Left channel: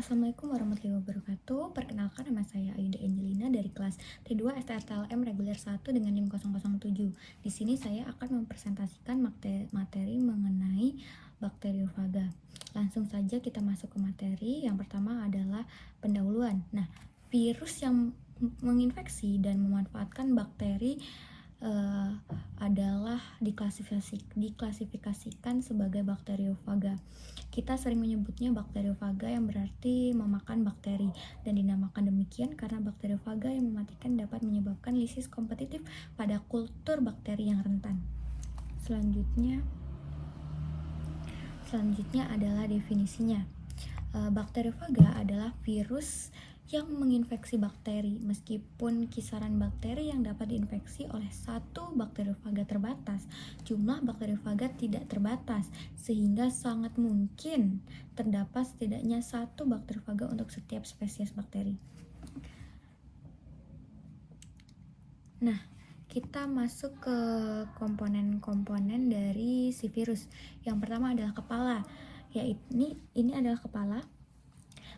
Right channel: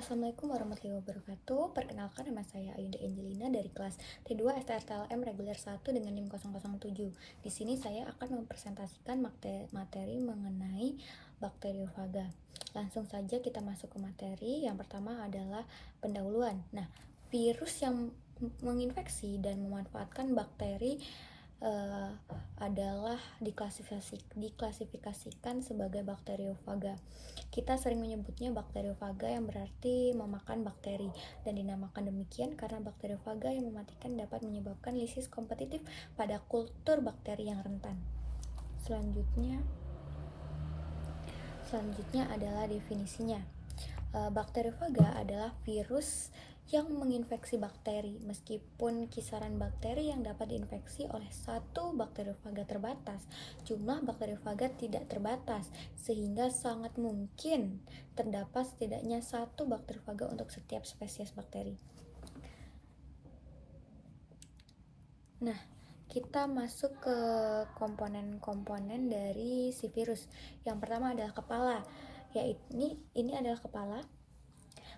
Assalamualaikum warahmatullahi wabarakatuh. Perkenalkan, nama saya Ayunda Angelina dari kelas T2 STRTLM reguler 1 dengan NIM 007. Di sini saya akan mempresentasikan materi mengenai bakteriofaga. Langsung saja kita masuk ke materi. Yang pertama adalah pendahuluan. Nah, virus yang menginfeksi dan memanfaatkan bakteri adalah diklasifikasikan sebagai bakteriofaga. Kita sering menyebutnya bakteriofaga yang berarti memakan bakteri, dan dinamakan demikian karena bakteriofaga yang mematikan dapat menyebabkan lisis kompetitif pada kultur bakteri yang rentan. Selanjutnya adalah definisinya. Bakteriofaga adalah virus yang menginfeksi bakteri. Meskipun kisaran bakteri yang dapat diinfeksi oleh satu bakteriofaga terbatas, jumlah bakteriofaga tidak terbatas, sehingga sangat mungkin terdapat setidaknya satu bakteriofaga untuk setiap spesies bakteri. Nah, kita masuk ke komponen-komponen dari si virus. Yang pertama adalah kepala. Ini adalah kepala.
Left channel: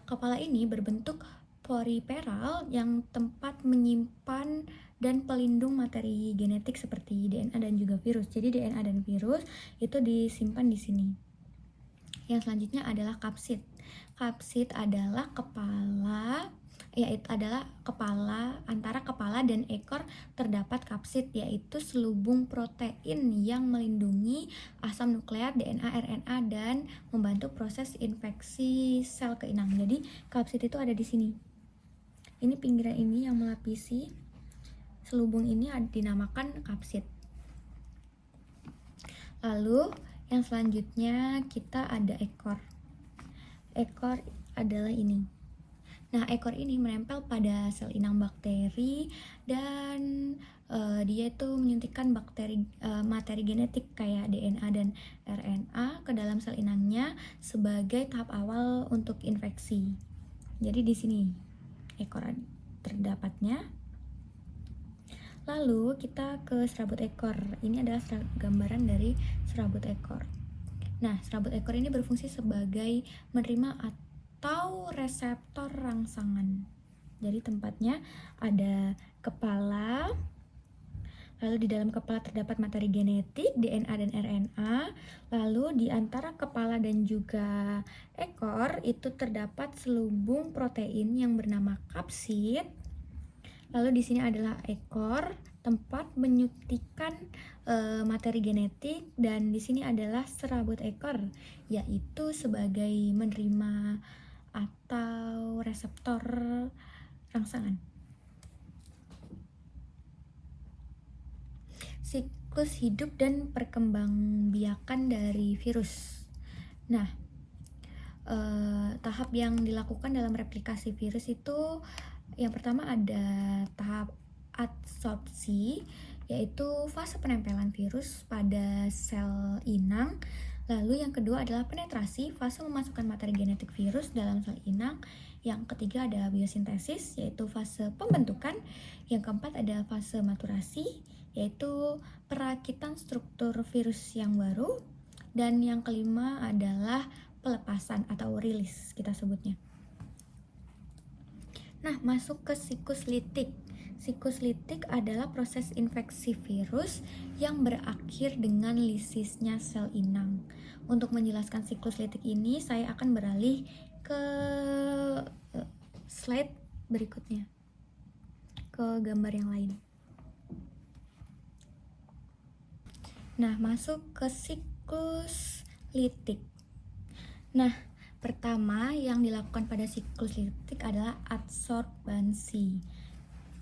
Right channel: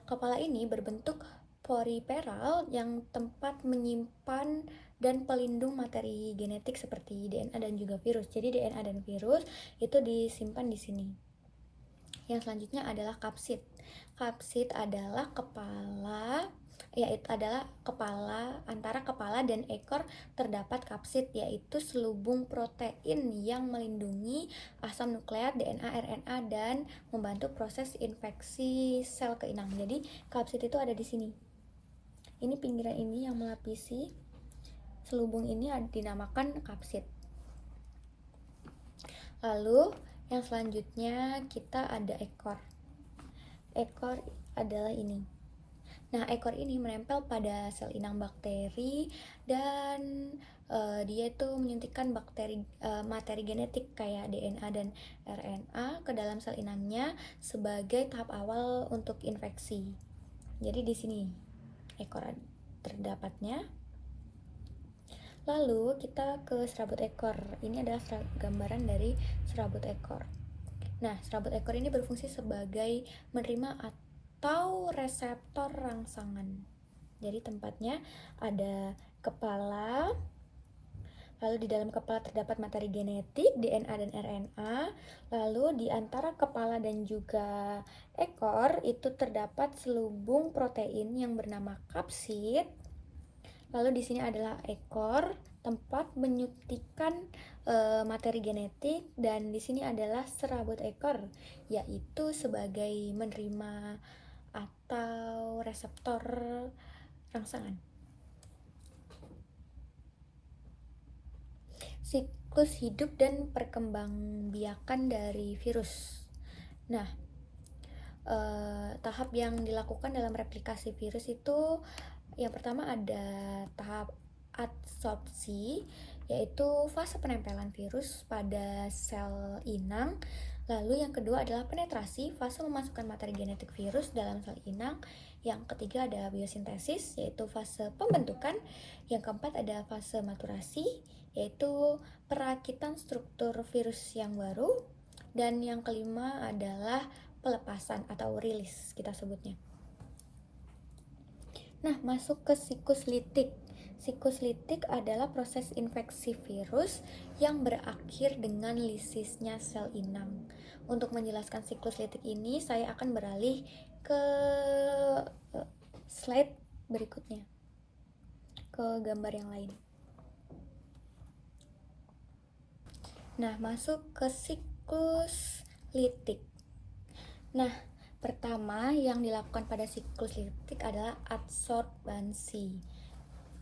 Kepala ini berbentuk poriperal yang tempat menyimpan dan pelindung materi genetik seperti DNA dan juga virus. Jadi DNA dan virus itu disimpan di sini. Yang selanjutnya adalah kapsid. Kapsid adalah antara kepala dan ekor terdapat kapsid, yaitu selubung protein yang melindungi asam nukleat, DNA, RNA, dan membantu proses infeksi sel keinang. Jadi kapsid itu ada di sini. Ini pinggiran ini yang melapisi selubung ini dinamakan kapsid. Lalu yang selanjutnya kita ada ekor. Ekor adalah ini. Nah, ekor ini menempel pada sel inang bakteri dan dia itu menyuntikkan materi genetik kayak DNA dan RNA ke dalam sel inangnya sebagai tahap awal untuk infeksi. Jadi di sini ekor terdapatnya. Lalu kita ke serabut ekor. Ini adalah gambaran dari serabut ekor. Nah, serabut ekor ini berfungsi sebagai menerima atau reseptor rangsangan. Jadi tempatnya ada kepala, lalu di dalam kepala terdapat materi genetik, DNA dan RNA, lalu di antara kepala dan juga ekor itu terdapat selubung protein yang bernama kapsid. Lalu di sini adalah ekor, tempat menyuntikkan materi genetik, dan di sini adalah serabut ekor, yaitu sebagai menerima atau reseptor rangsangan. Siklus hidup dan perkembangbiakan dari virus. Nah, tahap yang dilakukan dalam replikasi virus itu yang pertama ada tahap adsorpsi, yaitu fase penempelan virus pada sel inang. Lalu yang kedua adalah penetrasi, fase memasukkan materi genetik virus dalam sel inang. Yang ketiga ada biosintesis, yaitu fase pembentukan. Yang keempat ada fase maturasi, yaitu perakitan struktur virus yang baru. Dan yang kelima adalah pelepasan atau rilis kita sebutnya. Nah, masuk ke siklus litik. Siklus litik adalah proses infeksi virus yang berakhir dengan lisisnya sel inang. Untuk menjelaskan siklus litik ini, saya akan beralih ke slide berikutnya, ke gambar yang lain. Nah, masuk ke siklus litik. Nah, pertama yang dilakukan pada siklus litik adalah adsorbansi.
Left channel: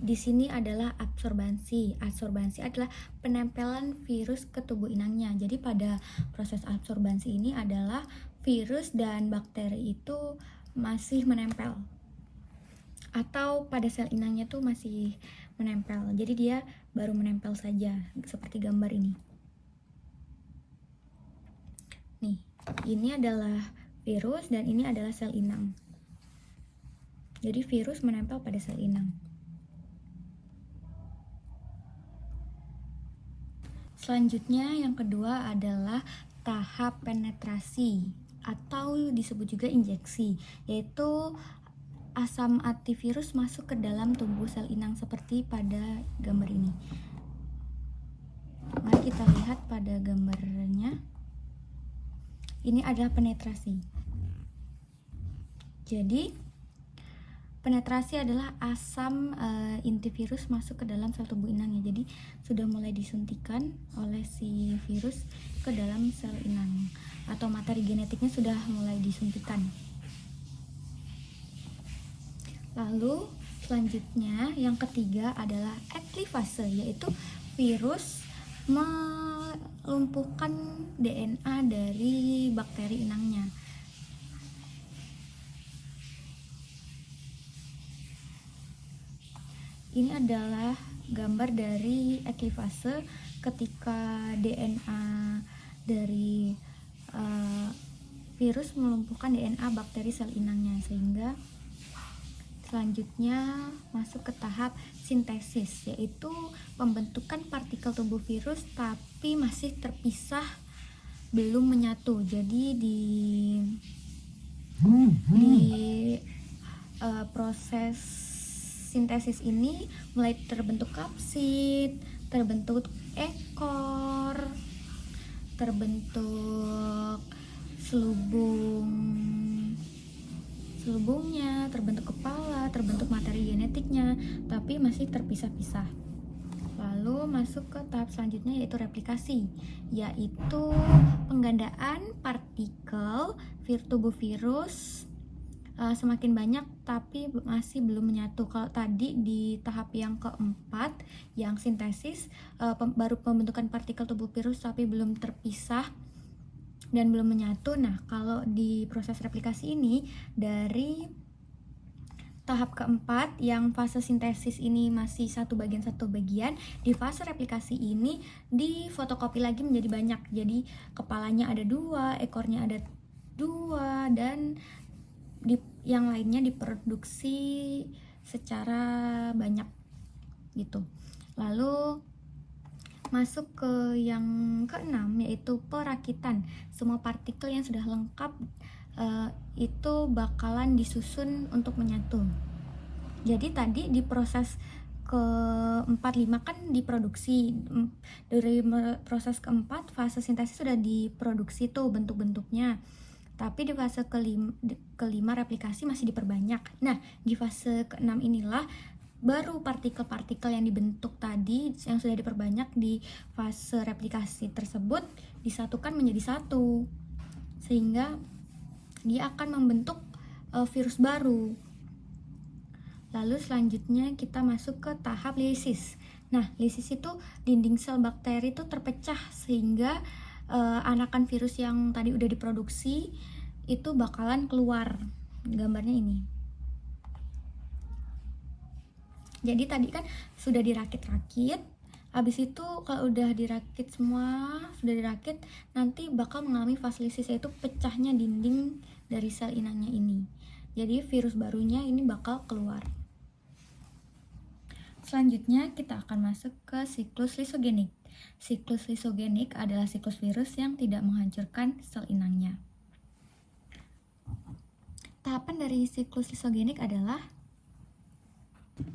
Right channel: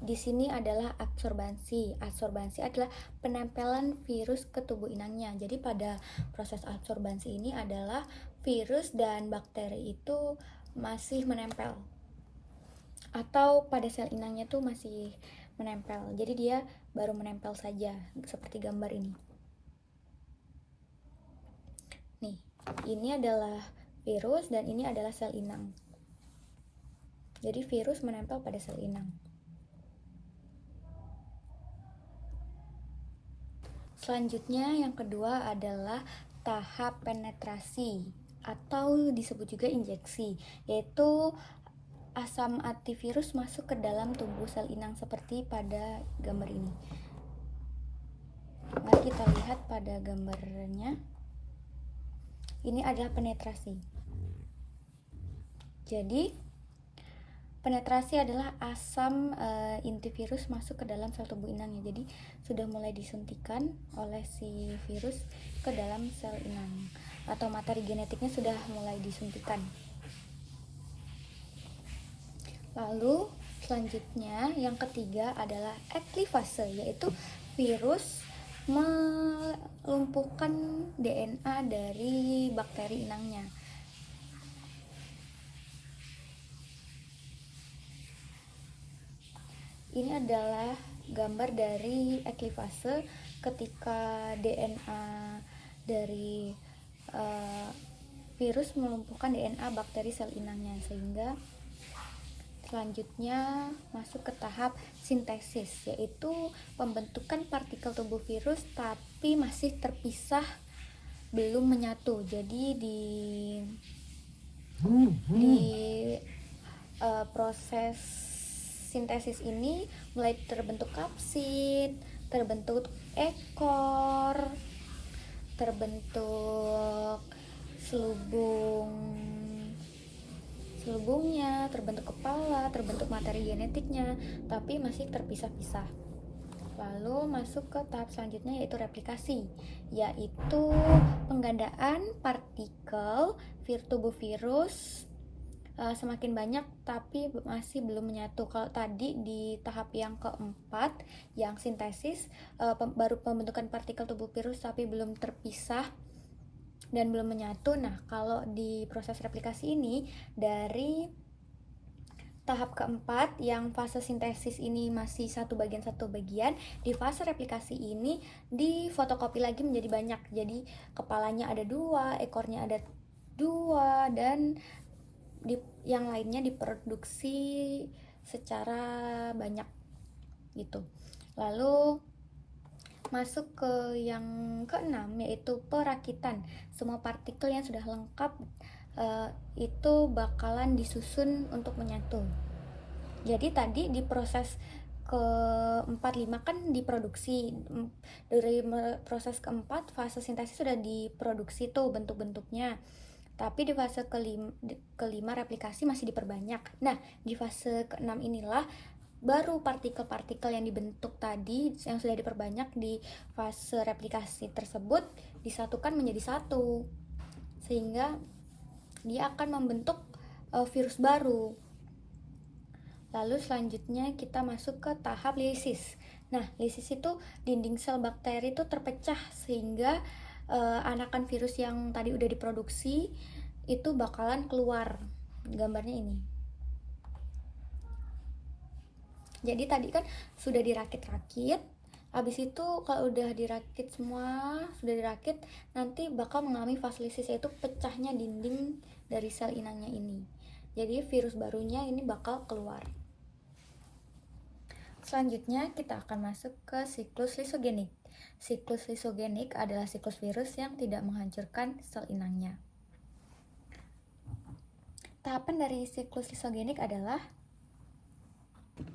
Di sini adalah adsorbansi. Adsorbansi adalah penempelan virus ke tubuh inangnya. Jadi pada proses adsorbansi ini adalah virus dan bakteri itu masih menempel, atau pada sel inangnya tuh masih menempel. Jadi dia baru menempel saja, seperti gambar ini. Nih, ini adalah virus dan ini adalah sel inang. Jadi virus menempel pada sel inang. Selanjutnya yang kedua adalah tahap penetrasi. atau disebut juga injeksi, yaitu asam antivirus masuk ke dalam tubuh sel inang seperti pada gambar ini. Mari kita lihat pada gambarnya. Ini adalah penetrasi. Jadi penetrasi adalah asam antivirus masuk ke dalam sel tubuh inangnya. Jadi sudah mulai disuntikan oleh si virus ke dalam sel inang, atau materi genetiknya sudah mulai disuntikan. Lalu selanjutnya yang ketiga adalah eklifase, yaitu virus melumpuhkan DNA dari bakteri inangnya. Ini adalah gambar dari eklifase ketika DNA dari virus melumpuhkan DNA bakteri sel inangnya, sehingga selanjutnya masuk ke tahap sintesis, yaitu pembentukan partikel tubuh virus tapi masih terpisah, belum menyatu. Jadi di proses sintesis ini mulai terbentuk kapsid, terbentuk ekor, terbentuk selubungnya, terbentuk kepala, terbentuk materi genetiknya, tapi masih terpisah-pisah. Lalu masuk ke tahap selanjutnya, yaitu replikasi, yaitu penggandaan partikel tubuh virus semakin banyak tapi masih belum menyatu. Kalau tadi di tahap yang keempat, yang sintesis, baru pembentukan partikel tubuh virus tapi belum terpisah dan belum menyatu. Nah, kalau di proses replikasi ini, dari tahap keempat yang fase sintesis ini masih satu bagian, di fase replikasi ini difotokopi lagi menjadi banyak. Jadi kepalanya ada 2, ekornya ada 2, dan yang lainnya diproduksi secara banyak gitu. Lalu masuk ke yang keenam, yaitu perakitan. Semua partikel yang sudah lengkap itu bakalan disusun untuk menyatu. Jadi tadi di proses ke-4, 5 kan diproduksi. Dari proses keempat, fase sintesis sudah diproduksi tuh bentuk-bentuknya. Tapi di fase kelima replikasi masih diperbanyak. Nah, di fase ke-6 inilah baru partikel-partikel yang dibentuk tadi yang sudah diperbanyak di fase replikasi tersebut disatukan menjadi satu, sehingga dia akan membentuk virus baru. Lalu selanjutnya kita masuk ke tahap lisis. Nah, lisis itu dinding sel bakteri itu terpecah, sehingga anakan virus yang tadi udah diproduksi itu bakalan keluar. Gambarnya ini. Jadi tadi kan sudah dirakit-rakit, habis itu kalau udah dirakit semua, nanti bakal mengalami fase lisis, yaitu pecahnya dinding dari sel inangnya ini. Jadi virus barunya ini bakal keluar. Selanjutnya kita akan masuk ke siklus lisogenik. Siklus lisogenik adalah siklus virus yang tidak menghancurkan sel inangnya. Tahapan dari siklus lisogenik adalah,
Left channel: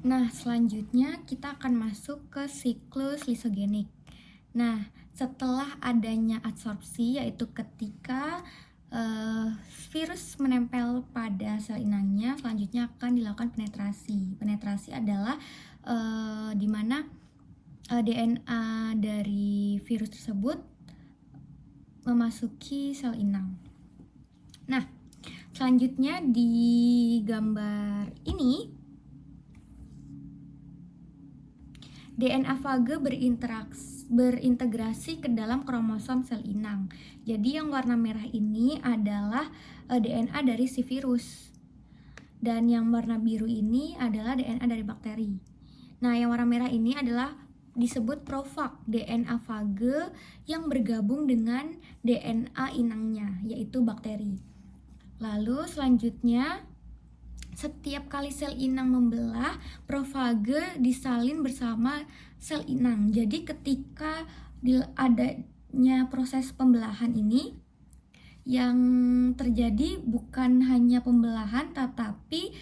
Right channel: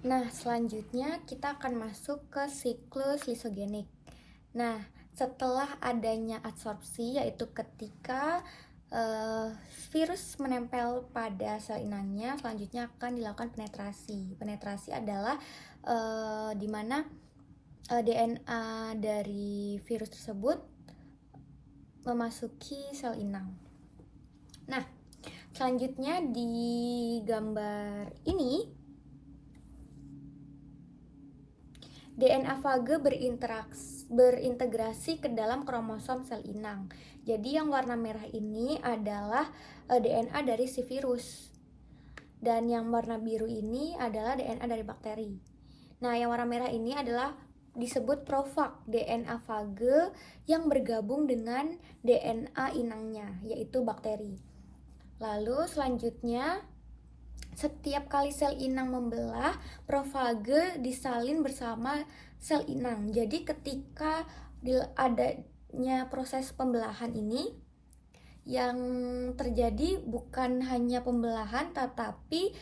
nah, selanjutnya kita akan masuk ke siklus lisogenik. Nah, setelah adanya adsorpsi, yaitu ketika virus menempel pada sel inangnya, selanjutnya akan dilakukan penetrasi. Penetrasi adalah di mana DNA dari virus tersebut memasuki sel inang. Nah, selanjutnya di gambar ini, DNA fage berintegrasi ke dalam kromosom sel inang. Jadi yang warna merah ini adalah DNA dari si virus, dan yang warna biru ini adalah DNA dari bakteri. Nah, yang warna merah ini adalah disebut profag, DNA fage yang bergabung dengan DNA inangnya, yaitu bakteri. Lalu selanjutnya, setiap kali sel inang membelah, profage disalin bersama sel inang. Jadi ketika adanya proses pembelahan ini, yang terjadi bukan hanya pembelahan, tetapi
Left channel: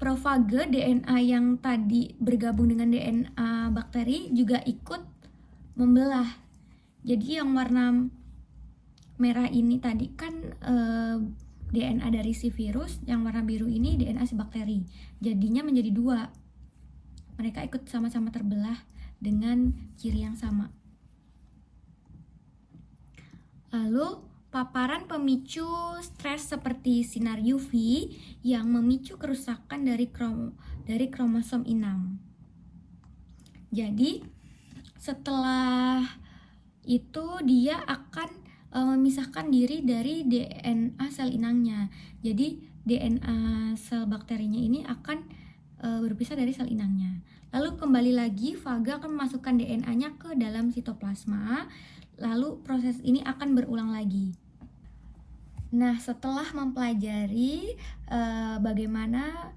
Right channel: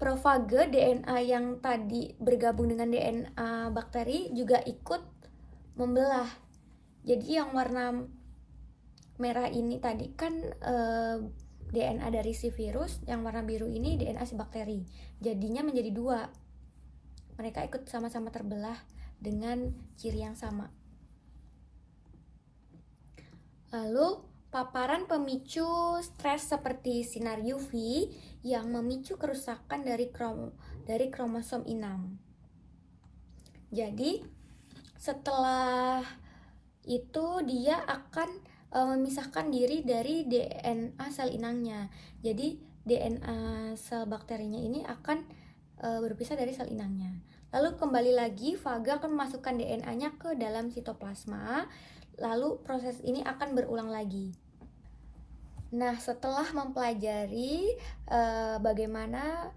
profage DNA yang tadi bergabung dengan DNA bakteri juga ikut membelah. Jadi yang warna merah ini tadi kan DNA dari si virus, yang warna biru ini DNA si bakteri. Jadinya menjadi dua. Mereka ikut sama-sama terbelah dengan ciri yang sama. Lalu, paparan pemicu stres seperti sinar UV yang memicu kerusakan dari kromosom inang. Jadi, setelah itu dia akan memisahkan diri dari DNA sel inangnya. Jadi, DNA sel bakterinya ini akan berpisah dari sel inangnya. Lalu kembali lagi, faga akan memasukkan DNA-nya ke dalam sitoplasma. Lalu proses ini akan berulang lagi. Nah, setelah mempelajari bagaimana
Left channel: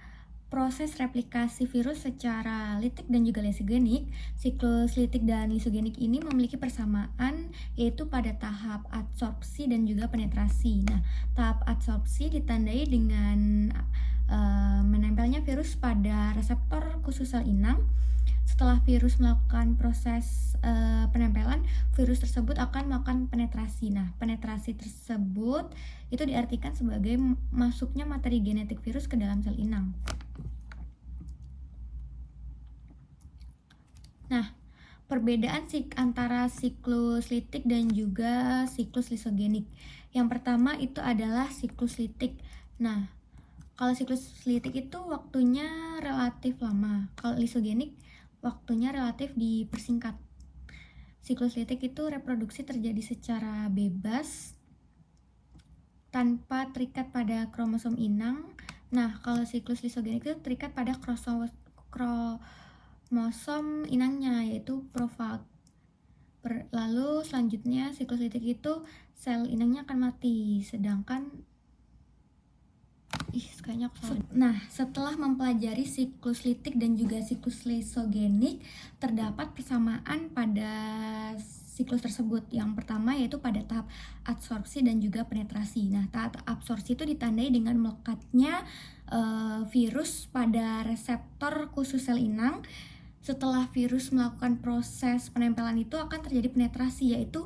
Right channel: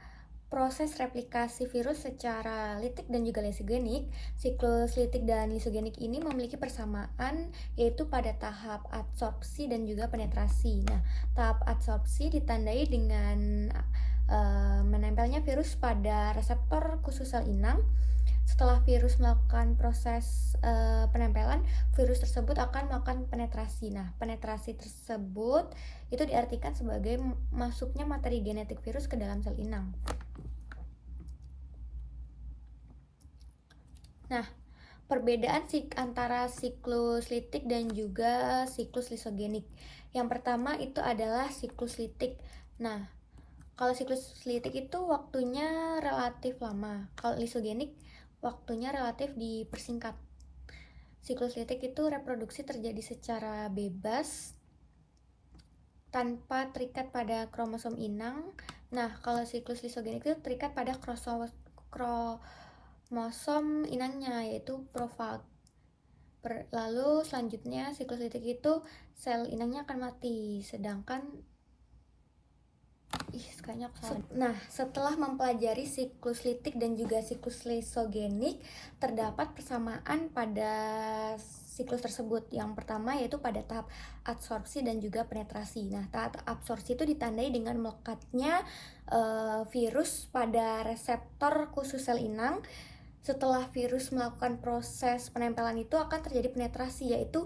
proses replikasi virus secara litik dan juga lisogenik, siklus litik dan lisogenik ini memiliki persamaan, yaitu pada tahap adsorpsi dan juga penetrasi. Nah, tahap adsorpsi ditandai dengan menempelnya virus pada reseptor khusus sel inang. Setelah virus melakukan proses penempelan, virus tersebut akan melakukan penetrasi. Nah, penetrasi tersebut itu diartikan sebagai masuknya materi genetik virus ke dalam sel inang. Nah, perbedaan antara siklus litik dan juga siklus lisogenik. Yang pertama itu adalah siklus litik. Nah, kalau siklus litik itu waktunya relatif lama. Kalau lisogenik waktunya relatif dipersingkat. Siklus litik itu reproduksi terjadi secara bebas tanpa terikat pada kromosom inang. Nah, kalau siklus lisogenik itu terikat pada kromosom inangnya, yaitu profag. Lalu selanjutnya siklus litik itu sel inangnya akan mati, sedangkan Nah, setelah mempelajari siklus litik dan juga siklus lisogenik, terdapat persamaan pada siklus tersebut. Yang pertama yaitu pada tahap adsorpsi dan juga penetrasi. Nah, tahap absorpsi itu ditandai dengan melekatnya virus pada reseptor khusus sel inang. Setelah virus melakukan proses penempelan itu akan terjadi penetrasi, yaitu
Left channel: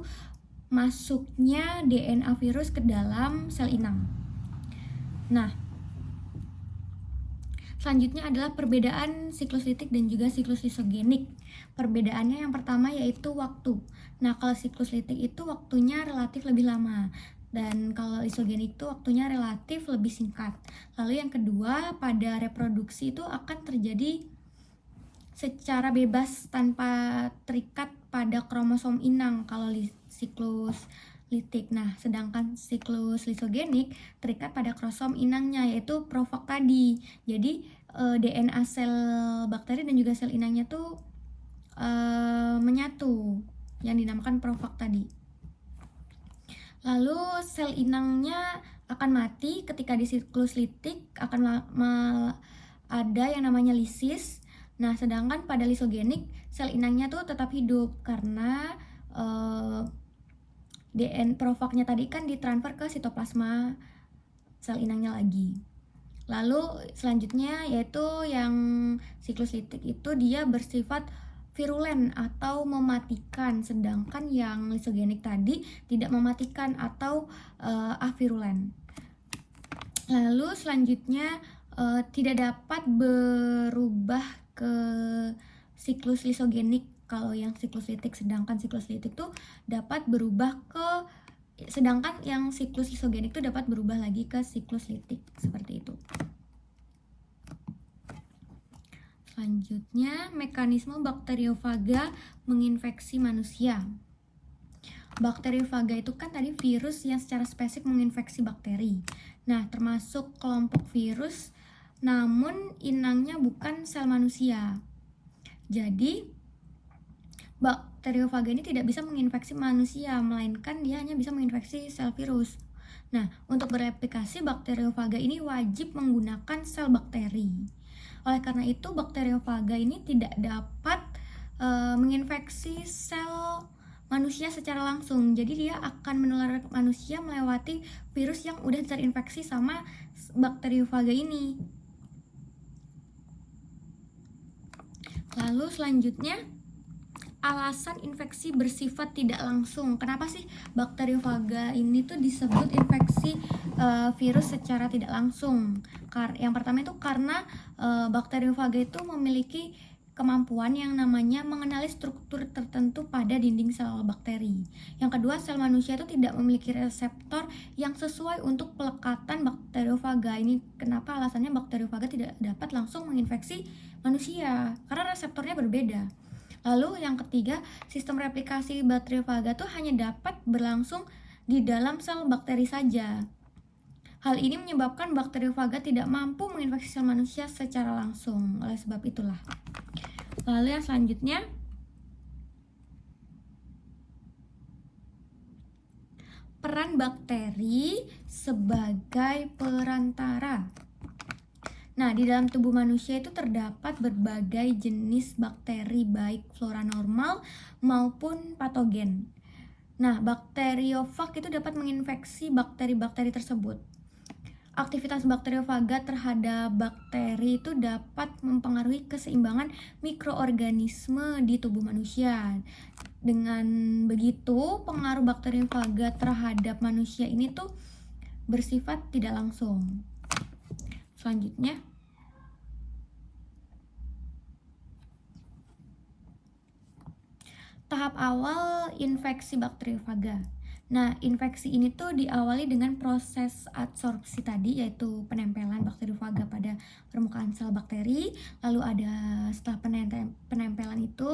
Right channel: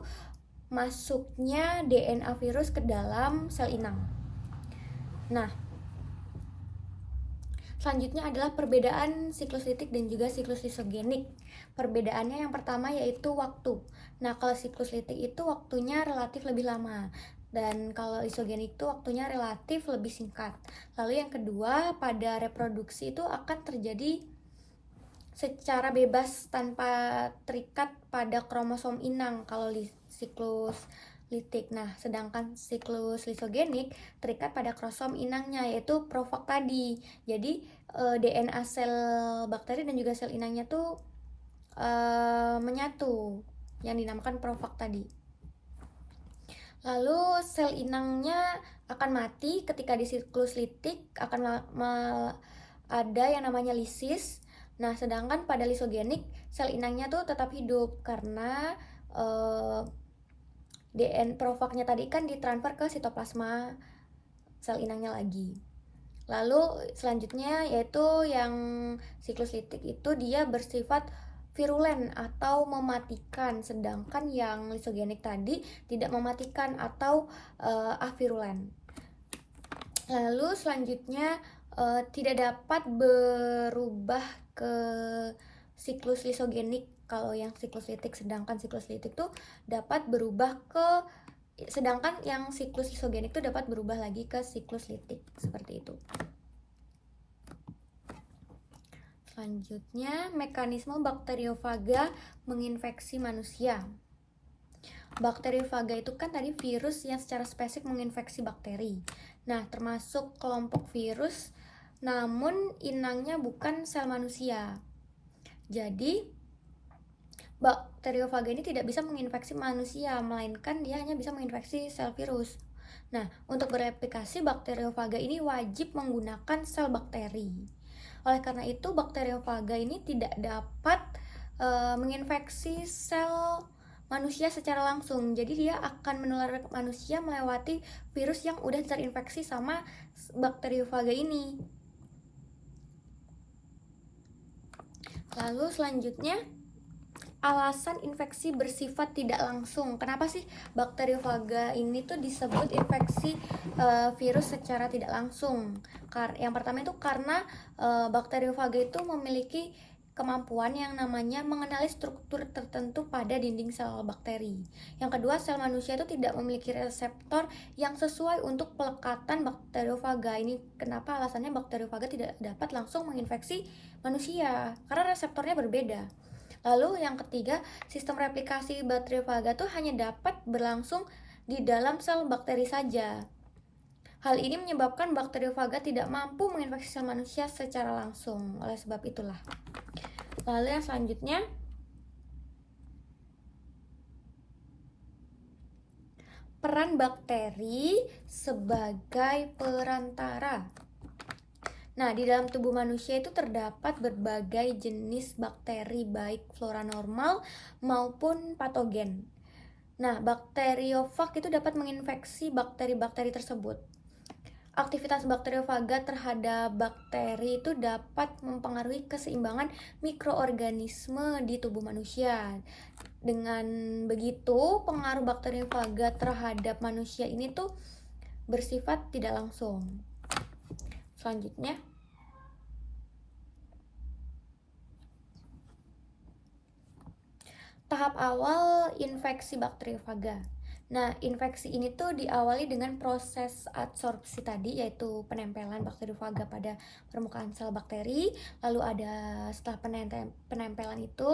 masuknya DNA virus ke dalam sel inang. Nah, selanjutnya adalah perbedaan siklus litik dan juga siklus lisogenik. Perbedaannya yang pertama yaitu waktu. Nah, kalau siklus litik itu waktunya relatif lebih lama, dan kalau lisogenik itu waktunya relatif lebih singkat. Lalu yang kedua, pada reproduksi itu akan terjadi secara bebas tanpa terikat pada kromosom inang kalau siklus litik. Nah, sedangkan siklus lisogenik terikat pada kromosom inangnya, yaitu profag tadi. Jadi DNA sel bakteri dan juga sel inangnya tuh menyatu, yang dinamakan profag tadi. Lalu sel inangnya akan mati ketika di siklus litik, akan ada yang namanya lisis. Nah, sedangkan pada lisogenik sel inangnya tuh tetap hidup karena DNA profagnya tadi kan ditransfer ke sitoplasma sel inangnya lagi. Lalu selanjutnya yaitu yang siklus litik itu dia bersifat virulen atau mematikan, sedangkan yang lisogenik tadi tidak mematikan atau avirulen. Lalu selanjutnya tidak dapat berubah ke siklus lisogenik kalau yang siklus litik, sedangkan siklus litik tuh dapat berubah ke, sedangkan yang siklus lisogenik tuh dapat berubah lagi ke siklus litik, seperti itu. Selanjutnya, mekanisme bakteriofaga menginfeksi manusia. Bakteriofaga itu kan tadi virus yang secara spesifik menginfeksi bakteri. Nah, termasuk kelompok virus, namun inangnya bukan sel manusia. Jadi, bakteriofaga ini tidak bisa menginfeksi manusia, melainkan dia hanya bisa menginfeksi sel virus. Nah, untuk bereplikasi, bakteriofaga ini wajib menggunakan sel bakteri. Oleh karena itu, bakteriofaga ini tidak dapat menginfeksi sel manusia secara langsung. Jadi dia akan menular ke manusia melewati virus yang udah terinfeksi sama bakteriofaga ini. Lalu selanjutnya, alasan infeksi bersifat tidak langsung. Kenapa sih bakteriofaga ini tuh disebut infeksi virus secara tidak langsung? Yang pertama itu karena bakteriofaga itu memiliki kemampuan yang namanya mengenali struktur tertentu pada dinding sel bakteri. Yang kedua, sel manusia itu tidak memiliki reseptor yang sesuai untuk pelekatan bakteriofaga. Ini kenapa alasannya bakteriofaga tidak dapat langsung menginfeksi manusia, karena reseptornya berbeda. Lalu yang ketiga, sistem replikasi bakteriofaga tuh hanya dapat berlangsung di dalam sel bakteri saja. Hal ini menyebabkan bakteriofaga tidak mampu menginfeksi sel manusia secara langsung. Oleh sebab itulah. Lalu yang selanjutnya, peran bakteri sebagai perantara. Nah, di dalam tubuh manusia itu terdapat berbagai jenis bakteri, baik flora normal maupun patogen. Nah, bakteriofag itu dapat menginfeksi bakteri-bakteri tersebut. Aktivitas bakteriofaga terhadap bakteri itu dapat mempengaruhi keseimbangan mikroorganisme di tubuh manusia. Dengan begitu, pengaruh bakteriofaga terhadap manusia ini tuh bersifat tidak langsung. Selanjutnya, tahap awal infeksi bakteriofaga. Nah, infeksi ini tuh diawali dengan proses adsorpsi tadi, yaitu penempelan bakteriofaga pada permukaan sel bakteri. Lalu setelah penempelan itu,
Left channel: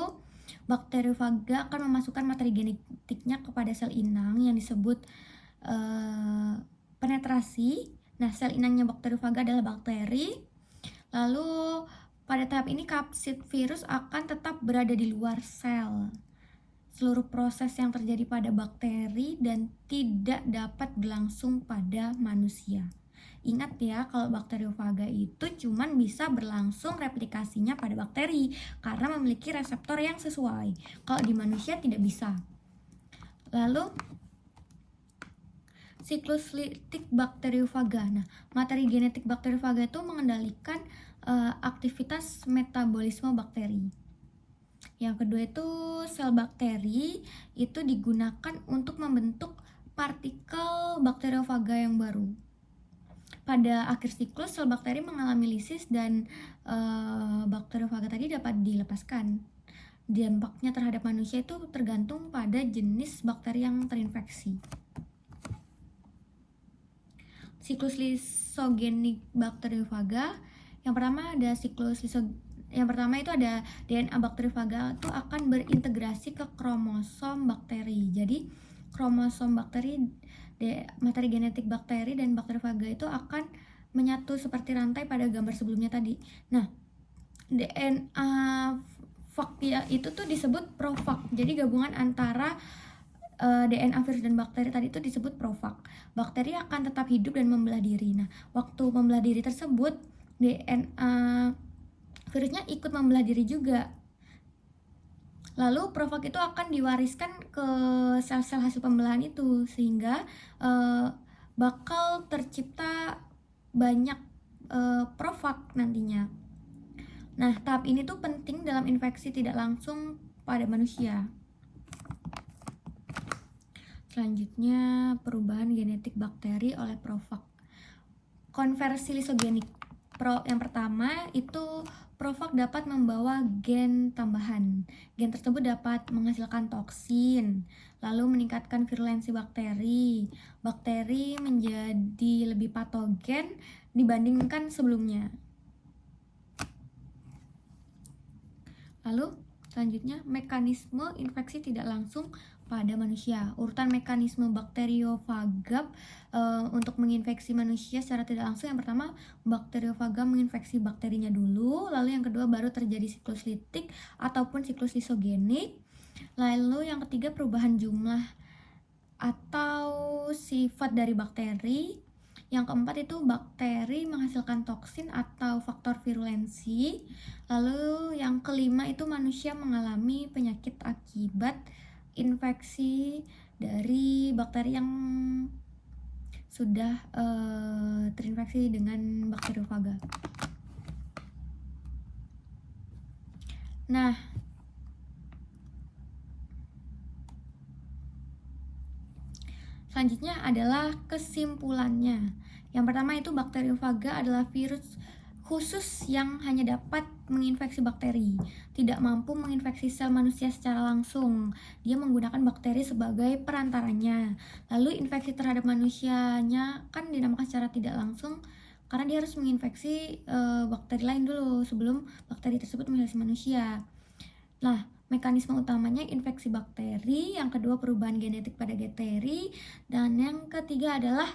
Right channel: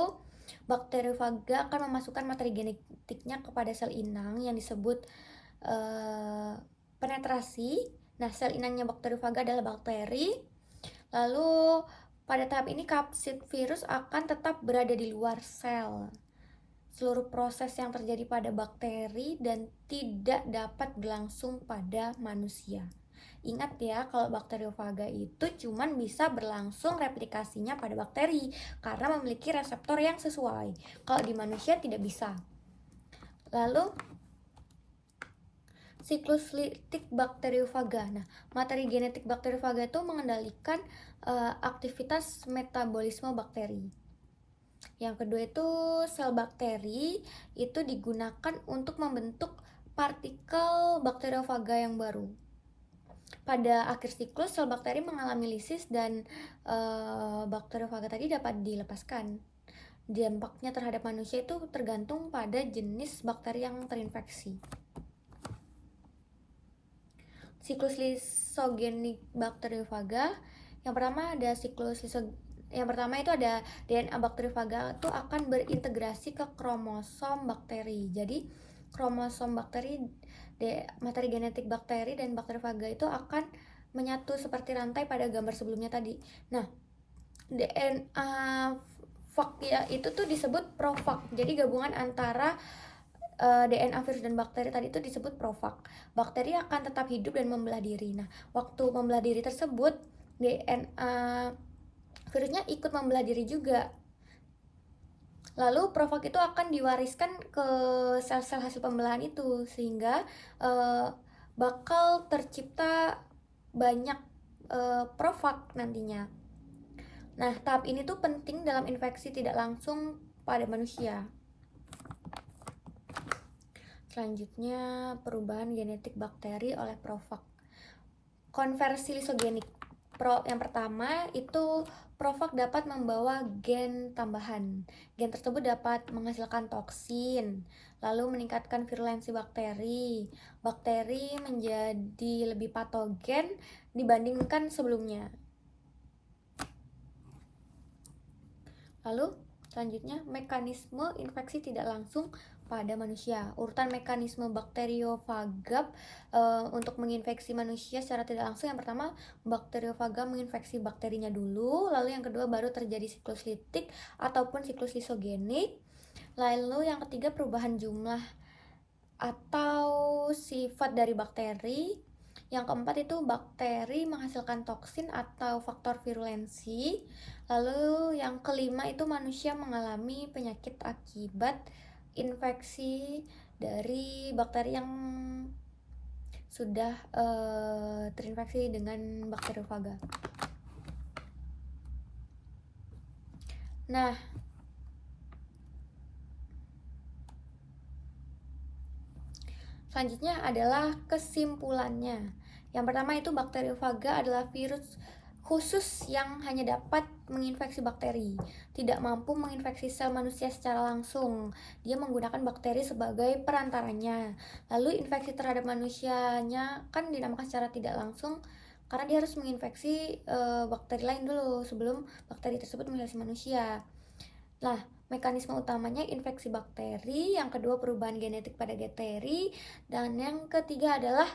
bakteriofaga akan memasukkan materi genetiknya kepada sel inang yang disebut penetrasi. Nah, sel inangnya bakteriofaga adalah bakteri. Lalu pada tahap ini kapsid virus akan tetap berada di luar sel. Seluruh proses yang terjadi pada bakteri dan tidak dapat berlangsung pada manusia. Ingat ya, kalau bakteriofaga itu cuman bisa berlangsung replikasinya pada bakteri karena memiliki reseptor yang sesuai. Kalau di manusia tidak bisa. Lalu siklus litik bakteriofaga. Nah, materi genetik bakteriofaga itu mengendalikan aktivitas metabolisme bakteri. Yang kedua itu sel bakteri itu digunakan untuk membentuk partikel bakteriofaga yang baru. Pada akhir siklus, sel bakteri mengalami lisis dan bakteriofaga tadi dapat dilepaskan. Dampaknya terhadap manusia itu tergantung pada jenis bakteri yang terinfeksi. Siklus lisogenik bakteriofaga. Yang pertama itu ada DNA bakteriofaga itu akan berintegrasi ke kromosom bakteri. Jadi kromosom bakteri, materi genetik bakteri dan bakteriofaga itu akan menyatu seperti rantai pada gambar sebelumnya tadi. Nah, DNA fag itu tuh disebut profag. Jadi gabungan antara DNA virus dan bakteri tadi itu disebut profag. Bakteri akan tetap hidup dan membelah diri. Nah, waktu membelah diri tersebut, DNA virusnya ikut membelah diri juga. Lalu profag itu akan diwariskan ke sel-sel hasil pembelahan itu, sehingga bakal tercipta banyak profag nantinya. Nah, tahap ini tuh penting dalam infeksi tidak langsung pada manusia. Selanjutnya, perubahan genetik bakteri oleh profag. Konversi lisogenik. Yang pertama itu profag dapat membawa gen tambahan. Gen tersebut dapat menghasilkan toksin, lalu meningkatkan virulensi bakteri. Bakteri menjadi lebih patogen dibandingkan sebelumnya. Lalu selanjutnya, mekanisme infeksi tidak langsung pada manusia. Urutan mekanisme bakteriofaga untuk menginfeksi manusia secara tidak langsung. Yang pertama, bakteriofaga menginfeksi bakterinya dulu, lalu yang kedua baru terjadi siklus litik ataupun siklus lisogenik. Lalu yang ketiga, perubahan jumlah atau sifat dari bakteri. Yang keempat itu bakteri menghasilkan toksin atau faktor virulensi. Lalu yang kelima itu manusia mengalami penyakit akibat infeksi dari bakteri yang sudah terinfeksi dengan bakteriofaga. Nah, selanjutnya adalah kesimpulannya. Yang pertama itu bakteriofaga adalah virus khusus yang hanya dapat menginfeksi bakteri, tidak mampu menginfeksi sel manusia secara langsung. Dia menggunakan bakteri sebagai perantaranya. Lalu infeksi terhadap manusianya kan dinamakan secara tidak langsung karena dia harus menginfeksi bakteri lain dulu sebelum bakteri tersebut menginfeksi manusia. Nah, mekanisme utamanya infeksi bakteri, yang kedua perubahan genetik pada bakteri, dan yang ketiga adalah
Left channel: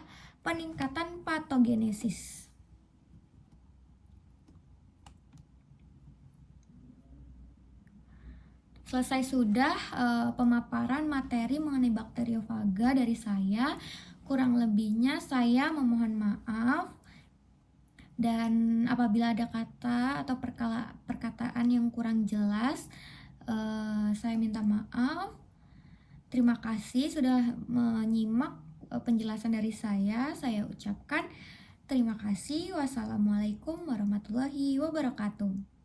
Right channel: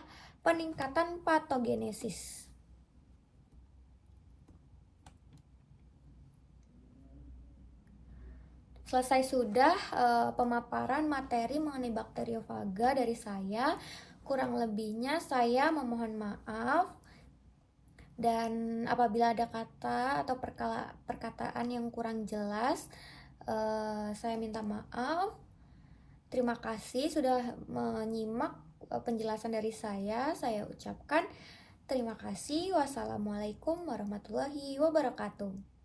peningkatan patogenesis. Selesai sudah pemaparan materi mengenai bakteriofaga dari saya. Kurang lebihnya saya memohon maaf. Dan apabila ada kata atau perkataan yang kurang jelas, saya minta maaf. Terima kasih sudah menyimak penjelasan dari saya. Saya ucapkan terima kasih. Wassalamualaikum warahmatullahi wabarakatuh.